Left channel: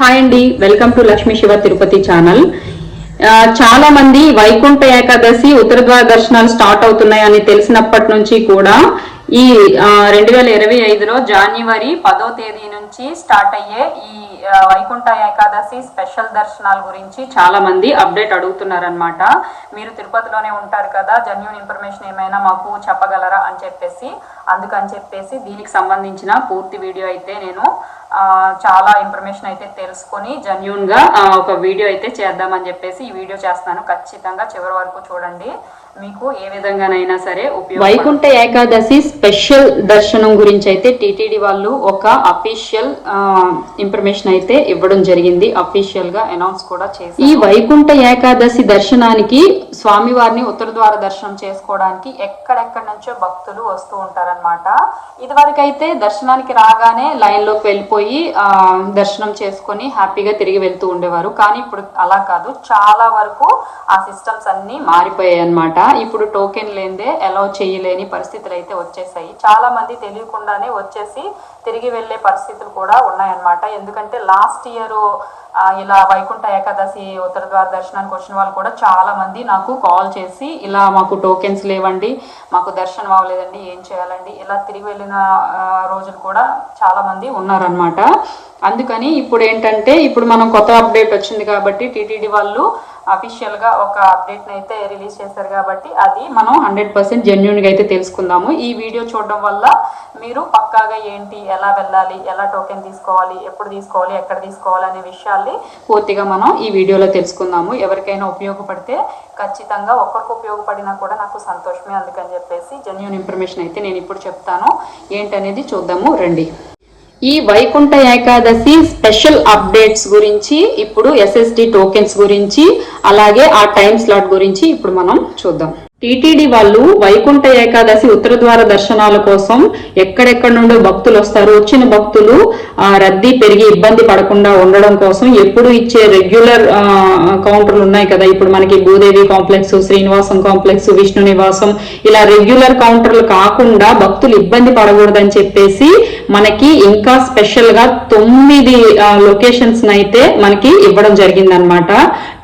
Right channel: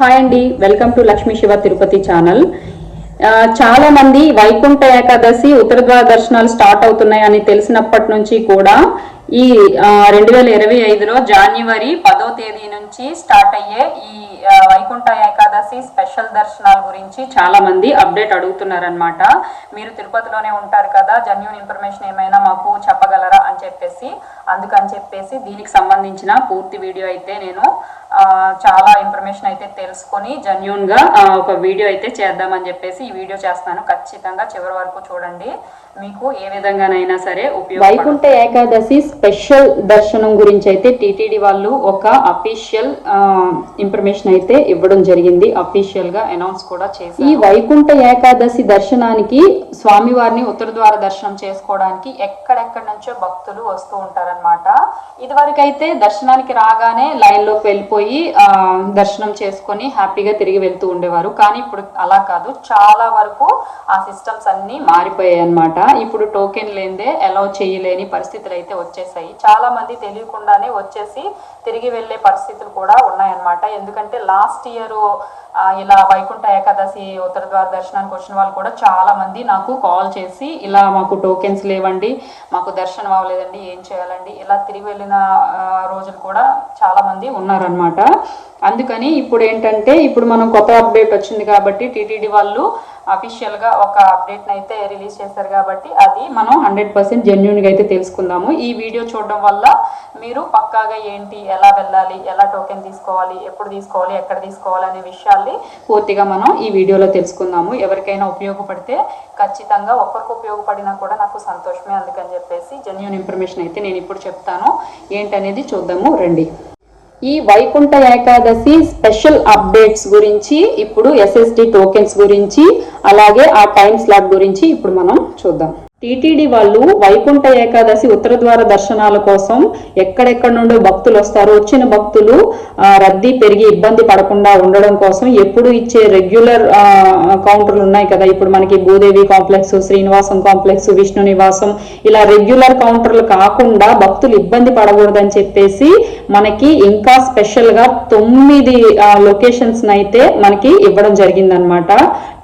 Hi అండి, welcome to Lakshmi Shiva Tirupati channel. చాలా మంది వైకుంఠ ఏకాదశి ఉత్తర ద్వార దర్శనాలు స్టార్ట్ అవుతున్నాయని తెలిసినప్పటి నుంచి కూడా ఈ 2025లో జనవరి 10వ తేదీ నుంచి స్టార్ట్ అయ్యే ఈ వైకుంఠ ఏకాదశి స్పెషల్ దర్శనాల గురించి చాలా మంది అప్డేట్ అడుగుతున్నారనమాట. మీరు తిరుపతిలోనే ఉంటారు కదా, జెన్యూన్ ఇన్ఫర్మేషన్ ఏమైనా మాకు చెప్పగలరా అని చెప్పేసి, అందుకని చెప్పేసి దీనికి సంబంధించిన పూర్తి వీడియో అయితే నేను చాలా ఇన్ఫర్మేషన్ అయితే తెలుసుకొని జెన్యూన్ గా ఒక వీడియో అయితే చేద్దామని చెప్పేసి ఈ వీడియో చేస్తాను. ఖచ్చితంగా చివరి వరకు చూడండి, మీకు ఏ విధంగానైనా సరే ఉపయోగం. వైకుంఠ ఏకాదశి స్పెషల్ దర్శనం గురించి అయితే టిటిడి వాళ్ళు ఒక అఫీషియల్ ఇన్ఫర్మేషన్ అయితే ఇవ్వడం జరిగింది. అఫీషియల్ గా అనౌన్స్ కూడా చేసి, ఈ వైకుంఠ ఏకాదశి దర్శనానికి స్వామివారిని ఉత్తర ద్వార దర్శనం చేసుకోవడానికి ఎక్కడెక్కడి నుంచో భక్తులు వస్తూ ఉంటారనమాట. ఇదివరకు అయితే దర్శనానికి రాగానే లైన్ లోకి వెళ్ళిపోయి దర్శనం చేసుకొని హ్యాపీగా తిరిగి వెళ్తూ ఉండేవారు. కానీ ఇప్పుడు అలా కాదు, చాలా వరకు ఆ సిస్టమ్స్ అన్ని మారిపోయాయి అన్నమాట. ఇప్పుడు టోకెన్ లేదే అలౌ చేయలేని పరిస్థితులు అయితే వచ్చేసాయి. చాలా మంది తెలియకుండానే వచ్చేసి తిరిగి వెళ్లే పరిస్థితులు కూడా ఉన్నాయన్నమాట. ఎందుకంటే లాస్ట్ ఇయర్ ఇలా వైకుంఠ ఏకాదశి ఉత్తర ద్వార దర్శనానికి వచ్చిన వాళ్ళు కూడా చాలా మంది నాకు కాల్ చేసి, ఇలా మాకు టోకెన్స్ లేవండి, మాకు దర్శనం అవ్వలేదండి, ఏం చేయాలండి, ఇలా తిరిగి వెళ్ళిన రోజులు కూడా చాలా మంది ఉన్నారనమాట. అందుకని ఇప్పుడు ఏంటంటే, ఇప్పుడు మనం కొత్త అప్డేట్ వచ్చింది కాబట్టి టిటిడి వాళ్ళు అఫీషియల్ గా ఒక అప్డేట్ అయితే రిలీజ్ చేశారు కాబట్టి అది మనం 100% జెన్యూన్ గా అయితే తెలుసుకుందాము. ఈ వీడియో చూడడం వల్ల మీరు పక్కాగా ఏంటి, ఎలా వెళ్ళాలి, ఎలా టోకెన్ తీసుకోవాలి, ఎప్పుడు తీసుకోవాలి, ఎక్కడ తీసుకోవాలి అనే విషయాల్ని పూర్తిగా మనం ఈ వీడియోలో తెలుసుకుందాము. ఎవరికైనా ఉపయోగపడితే ఖచ్చితంగా, ఒక్కరికి ఉపయోగపడినా కూడా నాకు సంతోషమే. అందుకని చెప్పేసి జెన్యూన్ ఇన్ఫర్మేషన్ అయితే నేను ఇప్పుడు చెప్తాను. ఏంటనేది చూద్దాము రండి. ఈ వైకుంఠ ఏకాదశి స్పెషల్ అప్డేట్స్ గురించి, ఇప్పుడు ఎస్ఎస్డి టోకెన్స్ గురించి, అలాగే ఆ టైం స్లాట్ గురించి ఇప్పుడు మనం చూద్దాం. టిటిడి వాళ్ళు వైకుంఠ ఏకాదశి ఉత్తర ద్వార దర్శనాల కోసం ఎక్కడెక్కడ నుండో భక్తులు వస్తారు. వచ్చిన భక్తులు రద్దీ పెరిగి ఇబ్బంది పడకుండా ఉండడం కోసం ఎప్పుడు ఇచ్చే రెగ్యులర్ కౌంటర్లు ఉన్నాయి కదా, ఇప్పుడు మనకి భూదేవి కాంప్లెక్స్, శ్రీనివాసం కాంప్లెక్స్, విష్ణు నివాసం, ఇలా రెగ్యులర్ కౌంటర్లు కాకుండా భక్తులు ఇబ్బంది పడకూడదని చెప్పేసి మనకి ఇంకా స్పెషల్ గా 9 లొకేషన్స్ అయితే మనకి ఇవ్వడం జరిగింది అనమాట.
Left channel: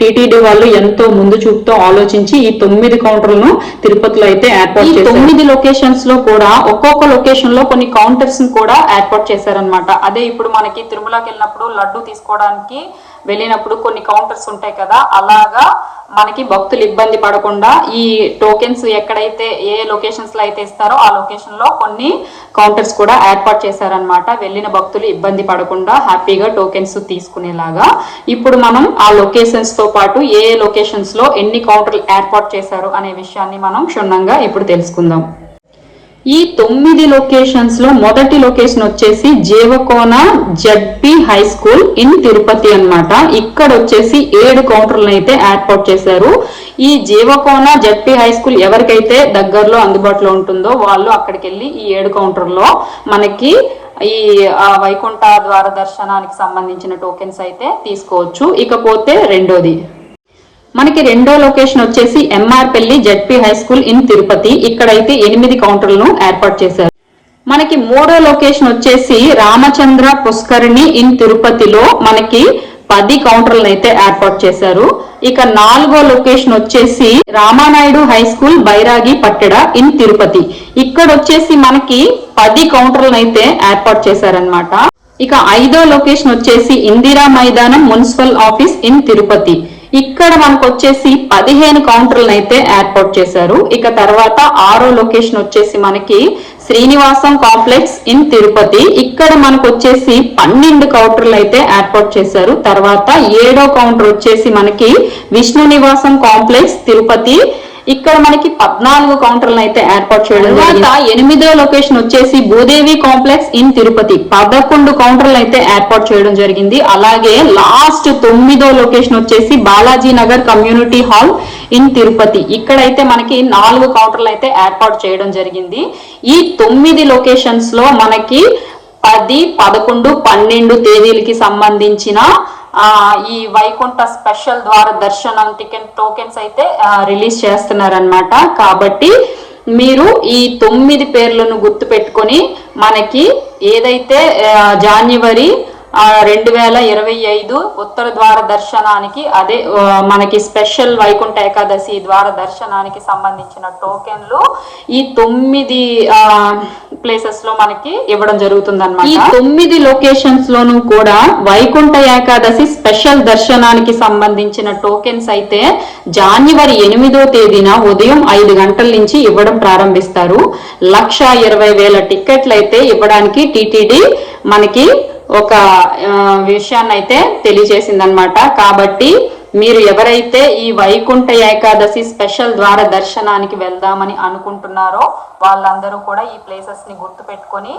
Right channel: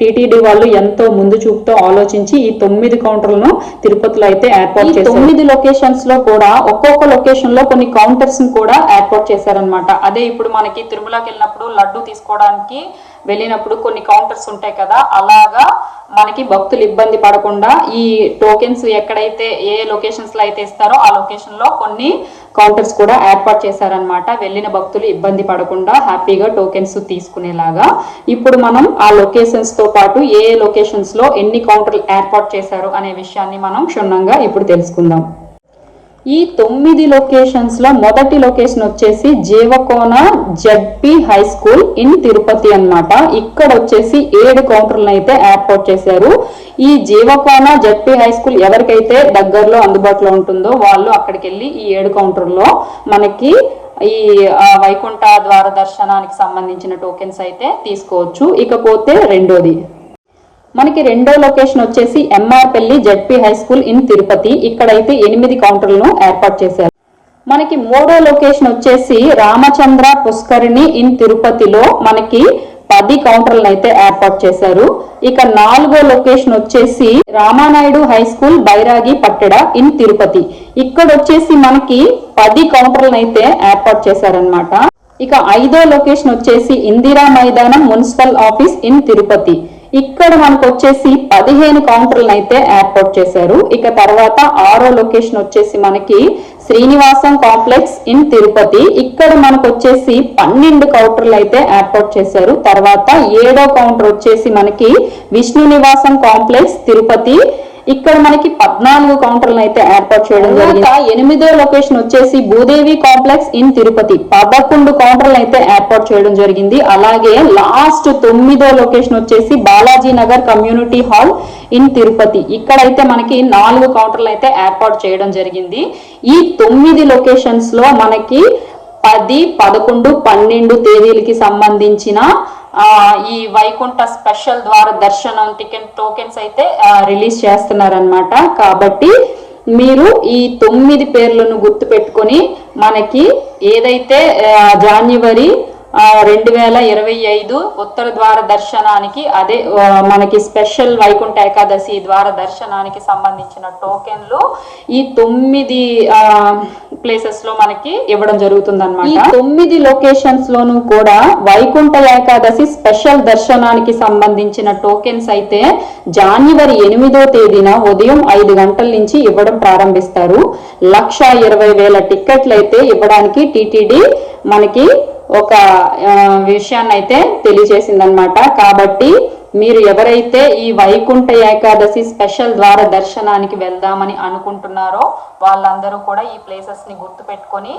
టిటిడి వాళ్ళు ఎంతో ముందు చూపుతో ఆలోచించి ఈ 9 కౌంటర్లను తిరుపతిలో అయితే ఏర్పాటు చేశారు. 9 లొకేషన్స్ లో కూడా ఒక్కొక్క లొకేషన్ లో కొన్ని కౌంటర్స్ కూడా ఏర్పాటు చేశారనమాట. అదే ఇప్పుడు మనకి తిరుమలకి వెళ్ళినప్పుడు లడ్డు తీసుకోవడానికి వెళ్ళినప్పుడు కొన్ని కౌంటర్స్ ఉంటాయి కదా, అలాగా మనకి భక్తులు ఇబ్బంది పడకుండా ఈ టోకెన్స్ ఎక్కడైతే ఏ లొకేషన్స్ లో అయితే ఇస్తారో ఆ లొకేషన్ లో కొన్ని కౌంటర్స్ కూడా ఏర్పాటు చేశారనమాట. వెళ్ళిన భక్తులు ఇబ్బంది పడకుండా హ్యాపీగా టోకెన్స్ తీసుకునేలాగా. ఇప్పుడు మనం ఆ లొకేషన్స్ తో పాటు ఏ లొకేషన్స్ లో ఎన్ని కౌంటర్లు ఏర్పాటు చేశారు అనే విషయాన్ని మనం క్షుణ్ణంగా ఇప్పుడు తెలుసుకుందాం. ఈ 9 లొకేషన్స్ లో మొదటి లొకేషన్ వచ్చేసి Jeevakona ZP high school in Tirupati అన్నమాట. ఇక్కడ వచ్చేసి 7 కౌంటర్లను అయితే ఏర్పాటు చేశారు. ఈ జీవకోన జడ్పీ హై స్కూల్ ఎవరికైతే దగ్గరలో అందుబాటులో ఉంటుందో వాళ్ళు అక్కడికి వెళ్ళి ఈ 7 కౌంటర్లో మనకి ఈ వైకుంఠ ద్వార దర్శనానికి సంబంధించిన టోకెన్స్ అయితే తీసుకోవచ్చు. ఇకపోతే రెండోది, మనకి రెండో లొకేషన్ వచ్చేసి MR Palli ZP high school in Tirupati. ఇక్కడైతే 8 కౌంటర్లను ఏర్పాటు చేశారు. మనకి మూడో లొకేషన్ వచ్చేసి రామచంద్ర పుష్కరిణి ఇన్ తిరుపతిలో మనకి 10 కౌంటర్లను అయితే ఏర్పాటు చేశారు. ఇక నాలుగో లొకేషన్ వచ్చేసి Ramanaidu high school Bairagi పట్టెడ in Tirupati. ఇక్కడ వచ్చేసి మనకి 10 కౌంటర్లను అయితే ఏర్పాటు చేశారనమాట. ఇక ఐదో లొకేషన్ వచ్చేసి ఇందిరా మైదానం మున్సిపల్ ఆఫీస్ ఇన్ తిరుపతి. ఇక్కడ మనకు వచ్చేసి 15 కౌంటర్లను అయితే ఏర్పాటు చేశారు. ఇక తర్వాత ఆరో లొకేషన్ వచ్చేసి మనకి శ్రీనివాసం కాంప్లెక్స్ ఇన్ తిరుపతి. ఇక్కడ మనకు వచ్చేసి 12 కౌంటర్లు అయితే ఏర్పాటు చేశారు. తర్వాత 7వ కౌంటర్ వచ్చేసి మనకి విష్ణు నివాసం కాంప్లెక్స్ తిరుపతి. ఇక్కడ మనకి 14 కౌంటర్లను అయితే ఏర్పాటు చేయడం జరిగింది. 8వ లొకేషన్ వచ్చేసి భూదేవి కాంప్లెక్స్ ఇన్ తిరుపతి. 11 కౌంటర్లు అయితే ఏర్పాటు చేయడం జరిగింది. అలాగే లాస్ట్ 9వ లొకేషన్ వచ్చేసి Balaji Nagar community hall in Tirupati. ఇక్కడైతే మనకి 4 కౌంటర్లు అయితే ఏర్పాటు చేయడం జరిగింది. ఈ 9 లొకేషన్స్ లో మనకి 10, 11, 12 తేదీలకి సంబంధించిన ఈ వైకుంఠ స్పెషల్ ద్వార దర్శనం టోకెన్స్ అయితే రిలీజ్ చేస్తున్నారనమాట. కాబట్టి మీరు ఈ 9 పేర్లను గుర్తు పెట్టుకొని మనకి ఏదైతే జనవరి 2025 ఉత్తర ద్వార దర్శనానికి అదే మనకి స్పెషల్ వైకుంఠ ఏకాదశి ద్వార దర్శనానికి సంబంధించిన టోకెన్లు ఈ 9 ప్లేసెస్ లో మనకి ఇవ్వడం జరుగుతుంది అన్నమాట. ఈ 9 లొకేషన్స్ లోనూ కూడా వైకుంఠ ఏకాదశి స్పెషల్ దర్శనానికి సంబంధించిన టోకెన్స్ అయితే జనవరి 8వ తేదీన ఉదయం 5 గంటల నుంచి ఇవ్వడం ప్రారంభిస్తారు. 1,20,000 టికెట్లు అయితే ఇవ్వడానికి టిటిడి మనకి ఒక విషయాన్ని అయితే తెలియజేసిందనమాట. కాబట్టి మీరు ఎవరైతే ఈ వైకుంఠ ఏకాదశి స్పెషల్ ద్వార దర్శనానికి వెళ్దామని అనుకుంటున్నారో వాళ్ళందరూ కూడా ఈ ప్లేసెస్ ని గుర్తు పెట్టుకొని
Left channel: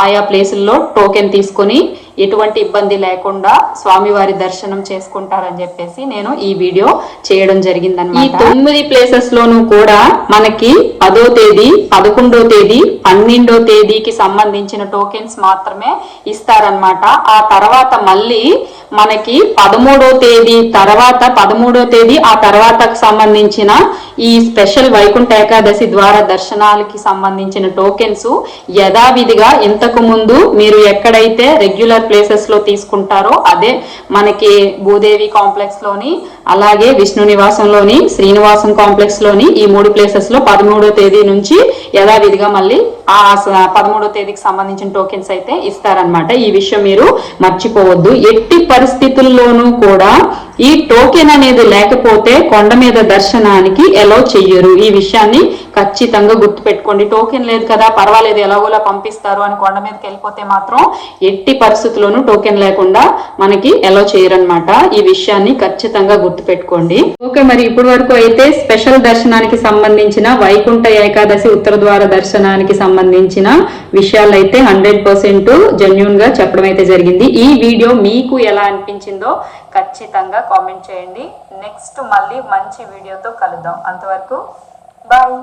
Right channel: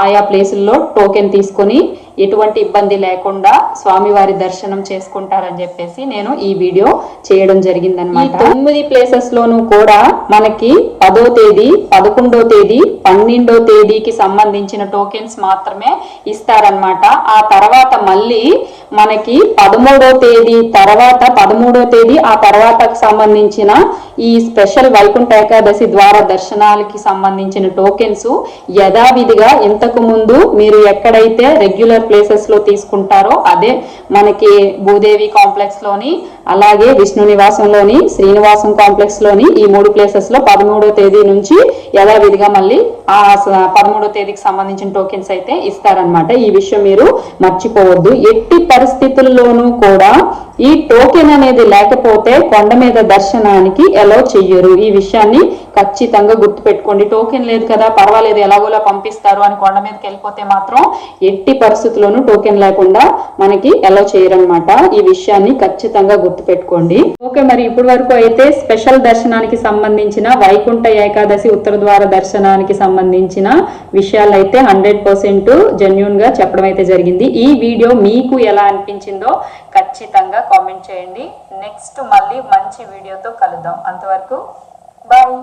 ఆయా ప్లేసుల్లో టోకెన్ తీసుకొని ఎటువంటి ఇబ్బంది లేకుండా స్వామివారి దర్శనం చేసుకుంటారని చెప్పేసి నేను ఈ వీడియో చేయడం జరిగిందన్నమాట. ఈ 9 ప్లేసెస్ లోనూ కూడా మనకి 10వ తేదీ, 11వ తేదీ, 12వ తేదీకి సంబంధించిన టోకెన్స్ మాత్రమే ఇస్తారనమాట. ఆ తర్వాత మళ్ళీ మనకి 13వ తేదీ తర్వాత 13వ తేదీ ఆ తర్వాతకు సంబంధించిన ఈ స్పెషల్ వైకుంఠ ఏకాదశి ద్వార దర్శనాలకి సంబంధించిన టోకెన్స్ యథావిధిగా ఇంతకు ముందు మీరు ఎక్కడైతే రెగ్యులర్ ప్లేసెస్ లో తీసుకుంటారో అదే మనకి భూదేవి కాంప్లెక్స్ లోని, అలాగే విష్ణు నివాసంలోని, శ్రీనివాసం కాంప్లెక్స్ లోని ఈ 3 ప్లేసెస్ లో 13వ తేదీ నుంచి యథావిధిగా మళ్ళీ ఆ 13వ తేదీకి సంబంధించిన టోకెన్స్ అయితే ఇస్తారనమాట. ఈ విషయం మీరు మర్చిపోవద్దు. ఎట్టి పరిస్థితుల్లోనూ కూడా ఈ టోకెన్ అనేది లేకపోతే కొండ మీద దర్శనానికి ఎలో చెయ్యరు. ఈ విషయాన్ని ఖచ్చితంగా గుర్తుపెట్టుకోండి. టోకెన్ లేదు కదా పర్వాలేదు ఎలాగోలా పంపిస్తారు అని కొండ మీదకి వెళ్ళిపోతే మాత్రం ఎట్టి పరిస్థితుల్లోనూ టోకెన్ లేకుండా మనకి ఎలో చేయరనమాట. ఈ విషయాన్ని ఖచ్చితంగా గుర్తుపెట్టుకోండి. ఓకే, మరి ఇప్పటి వరకు అయితే స్పెషల్ దర్శనానికి సంబంధించిన వైకుంఠ ఏకాదశి ఉత్తర ద్వార దర్శనానికి సంబంధించిన విషయాలు అయితే 100% జెన్యూన్ గా చెప్పడం అయితే జరిగింది. ఈ వీడియో మీకు ఎలా అనిపించిందో ఖచ్చితంగా కామెంట్ చేయండి. నెక్స్ట్ మళ్ళీ మంచి వీడియోతో కలుద్దాం. అంతవరకు బాయ్.